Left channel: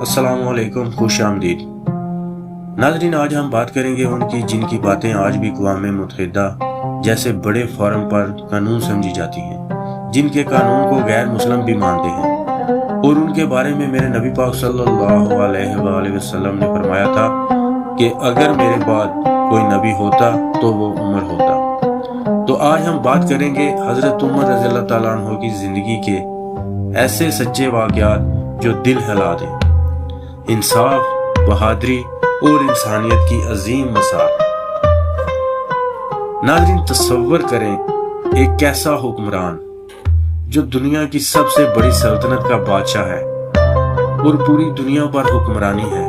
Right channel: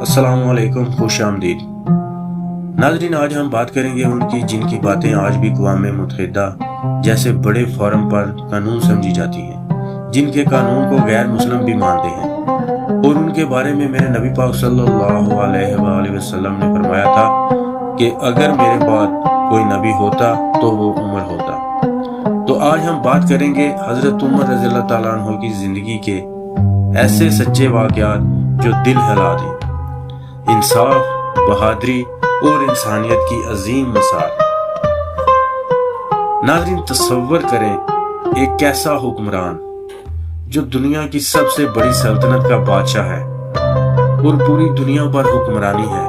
السلام علیکم، خوش آمدید ناظرین۔ آج ہم بات کریں گے ان کی جن کی باتیں آج بھی اقوام متحدہ جیسے بڑے فورم پر قانون سمجھی جاتی ہیں، جن کے قانون کو غیر مسلم بھی مانتے ہیں، اور ان کے بارے میں میرے نبی پاک صلی اللہ علیہ وآلہ وسلم نے فرمایا تھا کہ اگر میرے بعد کوئی نبی ہوتا تو وہ عمر ہوتا۔ تو آج ہم بات کریں گے حضرت عمر رضی اللہ تعالیٰ عنہ کی زندگی کے ایسے سچے واقعات جو دل ہلا دیں، انصاف، بہادری اور انسانیت کی عظیم مثال۔ ناظرین، تصور کریں ایک ایسا حکمران جو دنیا کی سب سے بڑی سلطنت کا بادشاہ ہے اور پوری دنیا پر حکمرانی ہے،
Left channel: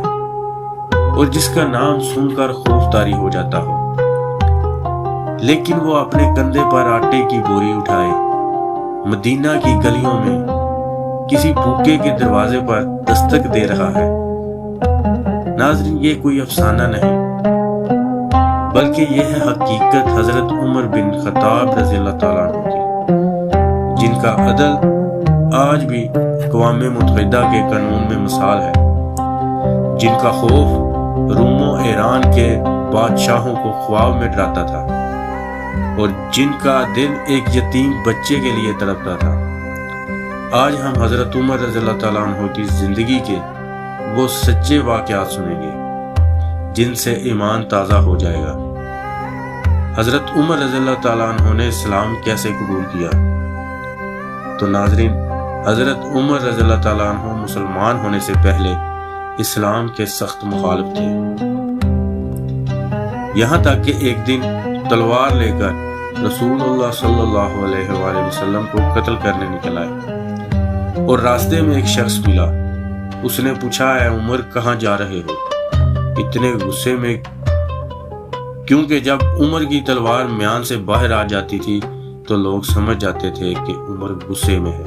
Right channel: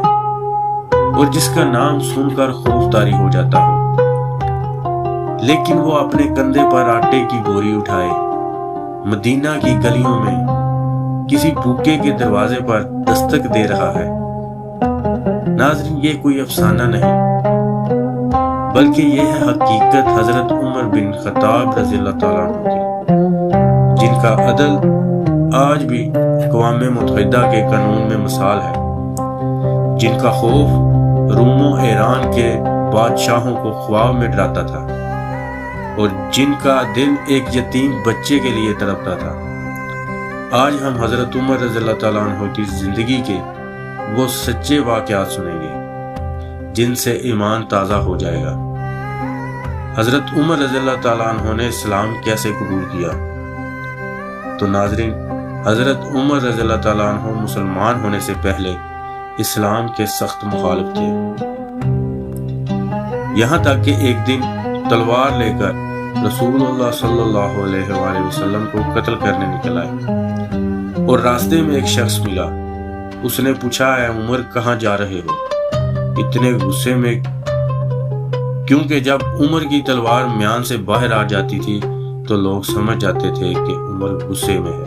اور جس کا نام سن کر خوف طاری ہو جاتا ہو، لیکن وہ اپنے کندھے پر آٹے کی بوری اٹھائے مدینہ کی گلیوں میں کسی بھوکے کے دروازے پر دستک دے رہا ہے۔ ناظرین، یہ کوئی افسانہ نہیں بلکہ یہ ہے حقیقت حضرت عمر بن خطاب رضی اللہ تعالیٰ عنہ کی، جن کا عدل آج بھی اقوام متحدہ کے قانون میں مثال ہے، جن کا خوف روم و ایران کے بادشاہوں کو خواب میں ڈراتا تھا، اور جن کا دل ایک یتیم بچے کے لیے تڑپتا تھا۔ آج ہم حضرت عمر رضی اللہ تعالیٰ عنہ کی زندگی کے وہ سچے واقعات سنیں گے جن سے ایمان تازہ ہو جائے گا۔ حضرت عمر رضی اللہ تعالیٰ عنہ نے اسلام کیسے قبول کیا؟ تو ناظرین، حضرت عمر رضی اللہ تعالیٰ عنہ مسلمان ہونے سے پہلے اسلام کے سخت مخالف تھے، یہاں تک کہ ایک دن تلوار لے کر رسول اللہ صلی اللہ علیہ وآلہ وسلم کو قتل کرنے نکل آئے، اور راستے میں ایک شخص ملا۔ اس نے پوچھا، اے عمر، کہاں جا رہے ہو؟ اتنے غصے میں، کیونکہ جب عمر کی تلوار میان سے باہر آ جاتی تھی تو لوگ سمجھ جاتے تھے کہ عمر غصے میں ہے۔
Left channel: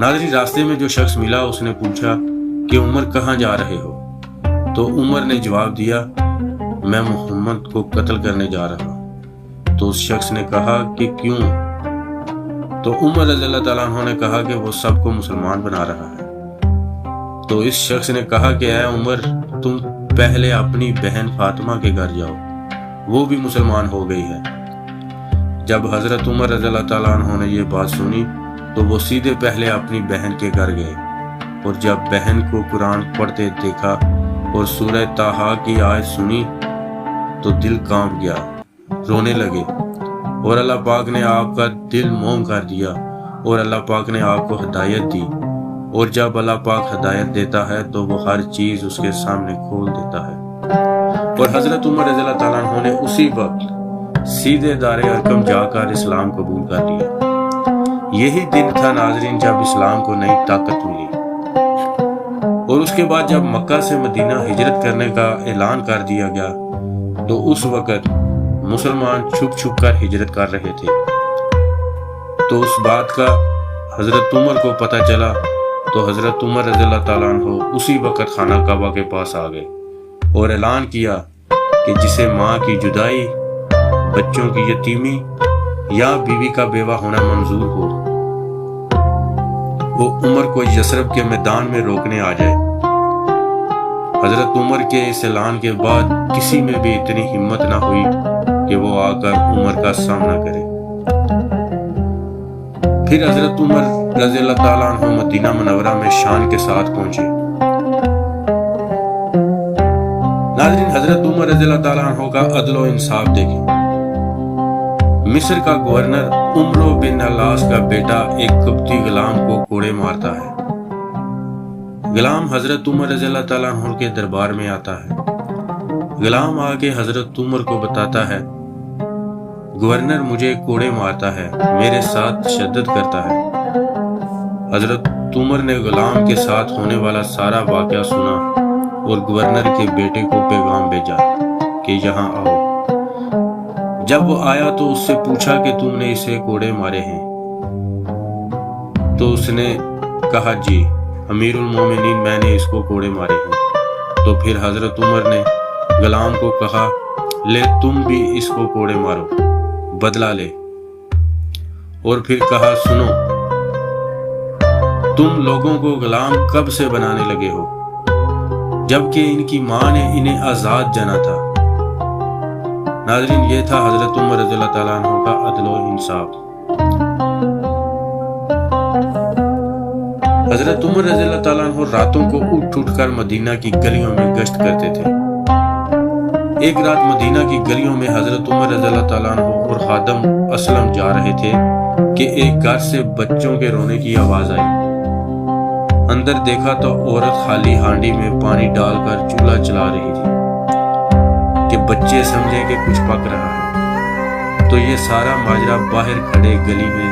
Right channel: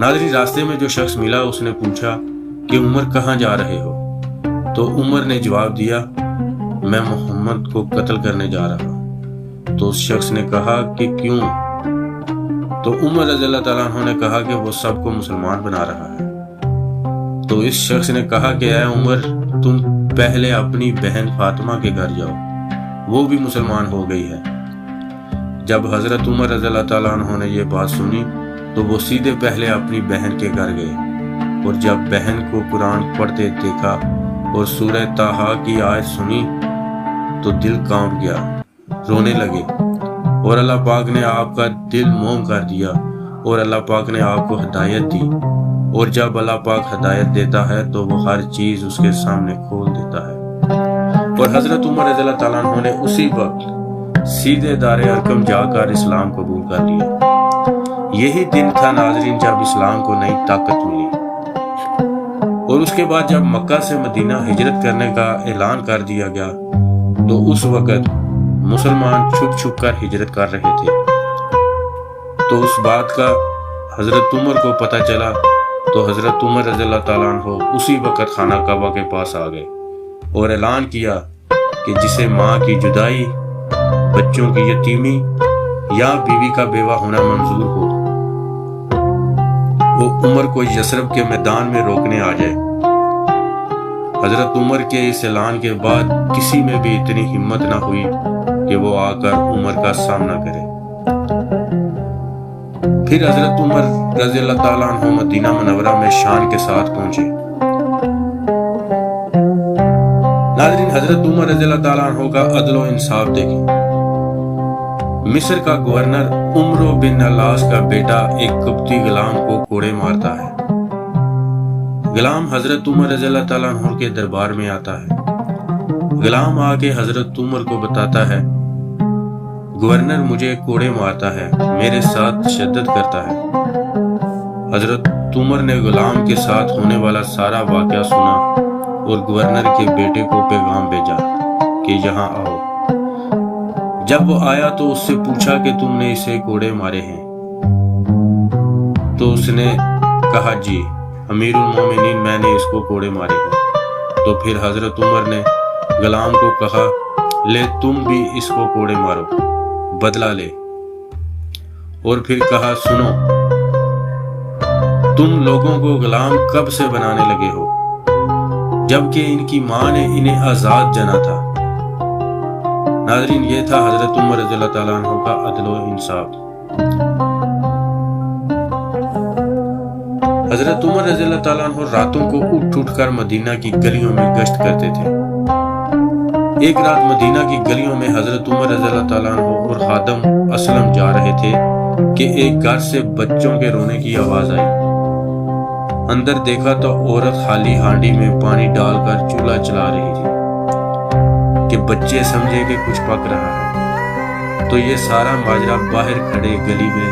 ناظرین، راستے میں جو شخص ملا اس نے پوچھا کہ عمر کہاں جا رہے ہو؟ تو عمر نے جواب دیا، میں محمد کو قتل کرنے جا رہا ہوں۔ تو اس شخص نے کہا کہ کیوں؟ تو عمر رضی اللہ تعالیٰ عنہ نے کہا کہ وہ سب کو مسلمان بنا رہا ہے۔ تو اس شخص نے کہا کہ اے عمر، تم پہلے اپنی بہن فاطمہ کے گھر جاؤ، وہ بھی مسلمان ہو گئی ہے۔ جب حضرت عمر رضی اللہ تعالیٰ عنہ نے یہ بات سنی تو وہ سیدھے پہلے اپنی بہن کے گھر گئے، اور جب بہن کو قرآن پڑھتے دیکھا اور سورہ طٰہٰ کی آیت سنی تو دل کانپ گیا، رونے لگے، اور اللہ پاک نے آپ کا دل موم کر دیا، اور اللہ پاک نے آپ کو ہدایت دی، اور جب اللہ پاک ہدایت دیتا ہے تو وہ ہر چیز اس کے سامنے کھول دیتا ہے۔ اور حضرت عمر رضی اللہ تعالیٰ عنہ نے اسی وقت سیدھے دار ارقم جا کر اسلام قبول کر لیا۔ یہی دن تھا ناظرین جب اسلام کو نئی طاقت ملی، اور اس کے بعد جب مکہ سے مدینہ ہجرت کرنے کا اعلان کر دیا گیا تو اس وقت مسلمان چھپ چھپ کر ہجرت کر رہے تھے۔ تو اس بات کا حضرت عمر کو پتہ چلا تو حضرت عمر رضی اللہ تعالیٰ عنہ اسی وقت خانہ کعبہ کے پاس آ گئے اور اعلان کیا کہ جسے ماں کی جدائی، بچوں کی یتیمی یا بیوی کا بیوہ ہونا منظور ہو، وہ عمر کو یثرب کے میدان میں روکنے آ جائے۔ حضرت عمر کے اس اعلان کے بعد کسی میں بھی اتنی ہمت نہ ہوئی کہ وہ آ کر عمر کا سامنا کرے۔ پھر حضرت عمر رضی اللہ تعالیٰ عنہ مدینہ منورہ میں شان کے ساتھ پہنچے۔ ناظرین، حضرت عمر رضی اللہ تعالیٰ عنہ کا عدل و انصاف دیکھیں۔ مصر کا گورنر عمرو بن العاص کا بیٹا ایک قبطی غلام کو کوڑے مارتا ہے۔ غلام حضرت عمر رضی اللہ تعالیٰ عنہ کے دربار میں آتا ہے۔ غلام آ کے حضرت عمر کو بتاتا ہے، گورنر مجھے کوڑے مارتا ہے، میرے ساتھ تشدد کرتا ہے۔ حضرت عمر نے غلام کے ساتھ ہونے والا سارا واقعہ سنا اور گورنر کے بیٹے کو پیغام بھیجا کہ یہاں آؤ۔ جب وہ آیا تو اس سے پوچھا کہ تم نے اسے کوڑے مارے ہیں؟ تو اس نے کہا، جی امیر المومنین، میں نے اس کو کوڑے مارے ہیں۔ تو پھر حضرت عمر نے غلام کو کہا، لے تم بھی اس کو کوڑے مارو، بدلہ لے۔ اور پھر کہا، سنو، تم لوگوں کو غلام کب سے بنانے لگے ہو جبکہ ان کی ماں نے انہیں آزاد جانا تھا۔ ناظرین، یہ تھا حضرت عمر رضی اللہ تعالیٰ عنہ کا عدل و انصاف۔ حضرت عمر رضی اللہ تعالیٰ عنہ راتوں کو اٹھ کر مدینہ کی گلیوں میں گشت کرتے تھے۔ ایک رات مدینہ کی گلیوں میں حضرت عمر رضی اللہ تعالیٰ عنہ اور خادم اسلم جا رہے تھے کہ ایک گھر سے بچوں کے رونے کی آواز آئی۔ اندر دیکھا تو عورت خالی ہانڈی میں پانی ڈال کر چولہا چلا رہی تھی کہ بچے سمجھیں کہ کچھ پک رہا ہے۔ تو یہ سارا ماجرا باہر کھڑے گلی میں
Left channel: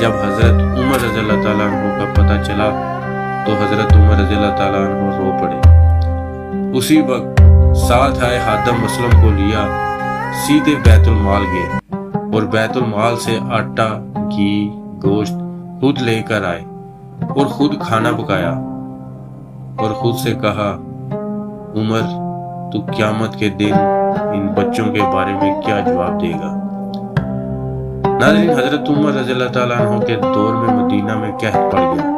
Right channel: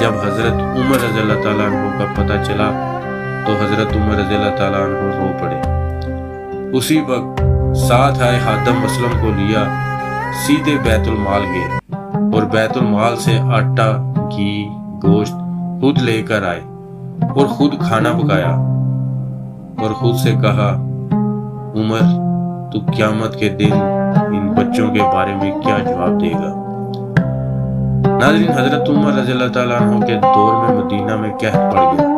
جب حضرت عمر رضی اللہ تعالیٰ عنہ کا پتہ چلا تو حضرت عمر رضی اللہ تعالیٰ عنہ رو پڑے۔ اسی وقت ساتھ آئے خادم اسلم کو لیا سیدھے بیت المال گئے اور بیت المال سے آٹا، گھی، گوشت خود لے کر آئے اور خود کھانا پکایا اور خود سے کہا، عمر تو قیامت کے دن ان بچوں کے بارے میں کیا جواب دے گا؟ ناظرین، حضرت عمر رضی اللہ تعالیٰ عنہ کے دور میں مدینہ میں قحط پڑ گیا۔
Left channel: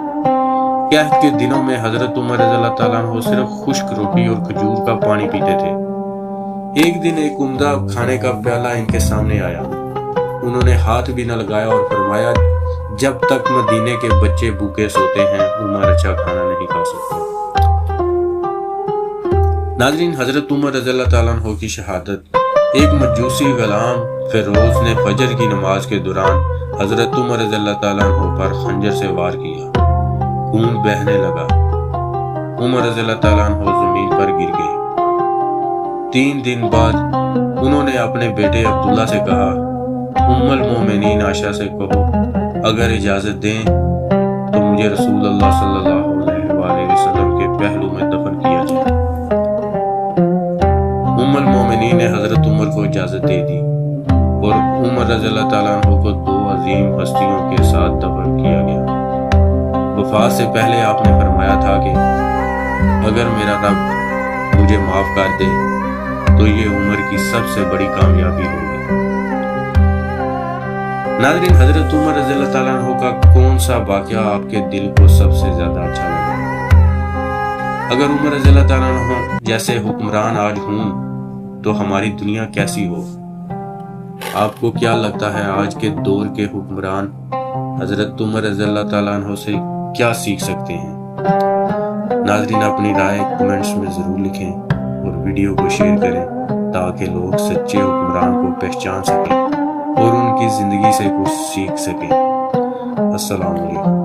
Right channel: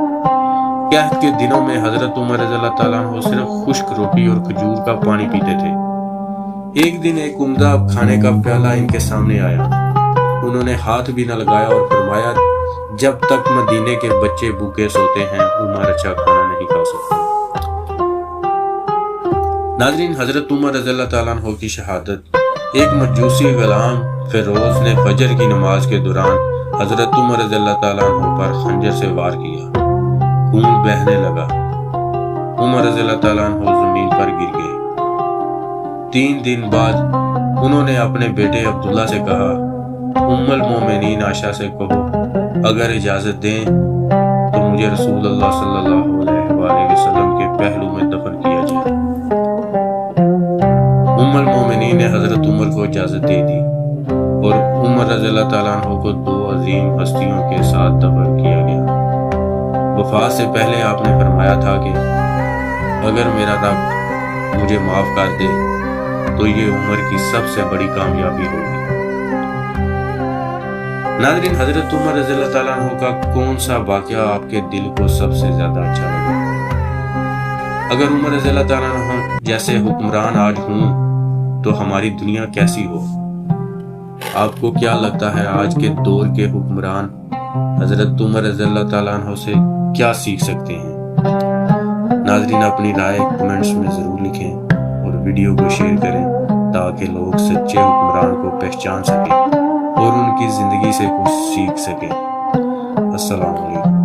قحط کے دنوں میں حضرت عمر رضی اللہ تعالیٰ عنہ صرف خشک روٹی اور کھجور کا پانی پیتے تھے۔ ایک دن ایک عمدہ کھانے کا پیالہ ان کے سامنے آیا۔ انہوں نے ہاتھ بھی نہ لگایا اور فرمایا، جب تک مدینے کے بچے بھوکے سوتے ہیں عمر اچھا کھانا نہیں کھا سکتا۔ ناظرین، حضرت عمر رضی اللہ تعالیٰ عنہ کی شہادت۔ ایک مجوسی غلام فیروز نے فجر کی نماز کے دوران حضرت عمر رضی اللہ تعالیٰ عنہ پر خنجر سے وار کیا۔ خون بہنے لگا۔ عمر رضی اللہ تعالیٰ عنہ زمین پر گر گئے۔ 3 دن بعد انہوں نے اپنے بیٹے عبداللہ سے کہا، ام المومنین عائشہ سے کہو اگر اجازت دیں تو مجھے رسول اللہ صلی اللہ علیہ وآلہ وسلم کے پہلو میں دفن کیا جائے۔ ام المومنین نے حضرت عمر کو اجازت دے دی اور عمر رضی اللہ تعالیٰ عنہ کو 2 عظیم ہستیوں کے ساتھ دفن کیا گیا۔ وفات سے پہلے آپ نے فرمایا تھا کہ اگر میرا رب مجھے معاف کر دے تو یہ عمر کی سب سے بڑی کامیابی ہوگی۔ ناظرین، حضرت عمر رضی اللہ تعالیٰ عنہ کا کون سا واقعہ آپ کے دل کو سب سے زیادہ اچھا لگا؟ اگر عمر رضی اللہ تعالیٰ عنہ جیسے حکمران آج ہوں تو ہماری دنیا کیسی ہو؟ آپ کو کیا لگتا ہے آج کے دور کے حکمران حضرت عمر رضی اللہ تعالیٰ عنہ سے کیا سیکھ سکتے ہیں؟ ناظرین، اپنی رائے کمنٹس میں ضرور لکھیں اور ویڈیو کو شیئر کریں تاکہ لوگ سچے حکمران کو پہچان سکیں اور ان کی زندگی سے کچھ سیکھ سکیں۔ السلام علیکم۔